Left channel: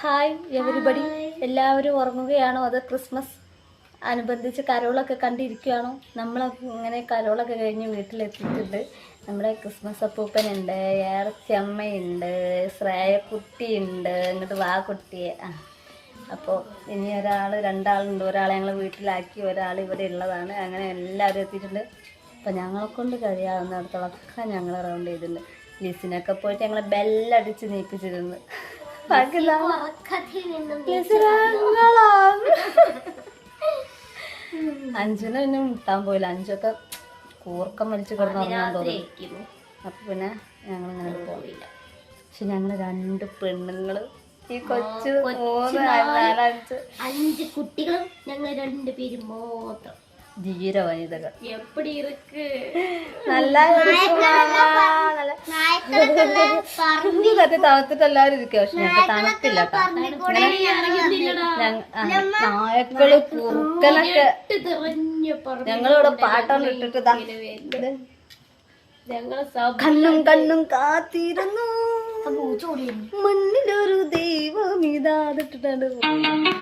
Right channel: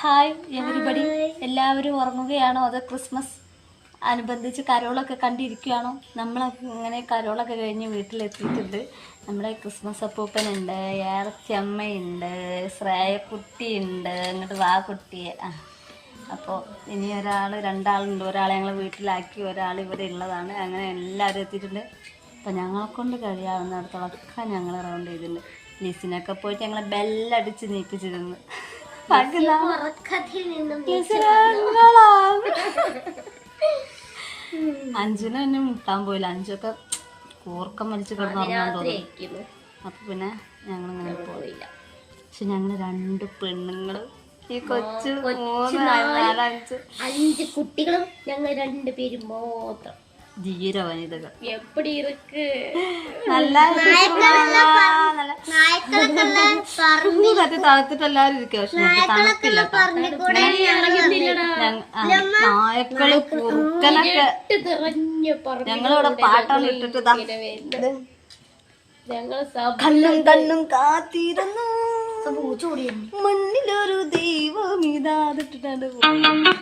Hi everybody, എല്ലാവരും ഉറങ്ങുകയാണോ അതോ Christmas അനുബന്ധിച്ച് കരോളൊക്കെ കണ്ടിരിക്കുകയാണോ? നമ്മൾ ഇങ്ങനെ കരോളൊക്കെ കഴിഞ്ഞ് വീട്ടിലെത്തിയിട്ടുണ്ട്. നമ്മുടെ ക്രിസ്മസ് അപ്പൂപ്പനുണ്ട്, ഏറച്ചമ്മയുണ്ട്, ശ്രേയക്കുട്ടിയുണ്ട്, എന്നിട്ട് വാ കുട്ടിയെ. അപ്പോൾ ഇനി രണ്ടാളുണ്ട്. ഒരാളെ ഞങ്ങൾ വീട്ടിലാക്കി, ഒരാൾ ഇവിടെ ഉള്ളതാണ്. അങ്ങനെ എല്ലാവരും എത്തിയിട്ടുണ്ട്. അപ്പോൾ ഞങ്ങളെ കൊണ്ട് കഴിയാവുന്നിടത്തോളൊക്കെ ഞങ്ങൾ റൗണ്ട് ചെയ്തിട്ടുണ്ട്. ലിസിനൊക്കെ പോയിട്ട് ഞങ്ങളെ ബെല്ലടിച്ച് നീപ്പിച്ചിരുന്നു. അഞ്ചിനെ പിന്നെ മുട്ടാൻ പോയില്ല. അഞ്ചൊക്കെ കൂർക്കം വലിച്ച് കിടന്നുറങ്ങാൻ തോന്നുന്നു. അപ്പൊ പിന്നെ ഞങ്ങളിങ്ങനെ പോയില്ല. പക്ഷെ ഞങ്ങള് രണ്ട് പെണ്ണുങ്ങള്, ഈ കൊച്ചു 3, 4, 5 കുട്ടികളും ഞങ്ങൾ 2 പേരും മാത്രം. ധീര വനിതകൾ. എപ്പടി ഇருக்கு നല്ല തണുത്തിട്ട് എല്ലാവരും ഇരിക്കുക. പക്ഷെ ഞങ്ങൾക്ക് തണുപ്പില്ല. നായക്കള് കുറുക്കനൊക്കെ ഞങ്ങളിവിടെ പാട്ടാണ് ഇട്ടിട്ട് കണ്ണും കാത്തിരുന്നു, മണ്ണിലൊരു ദൈവം ഇതാതിട്ടിട്ടുണ്ട്.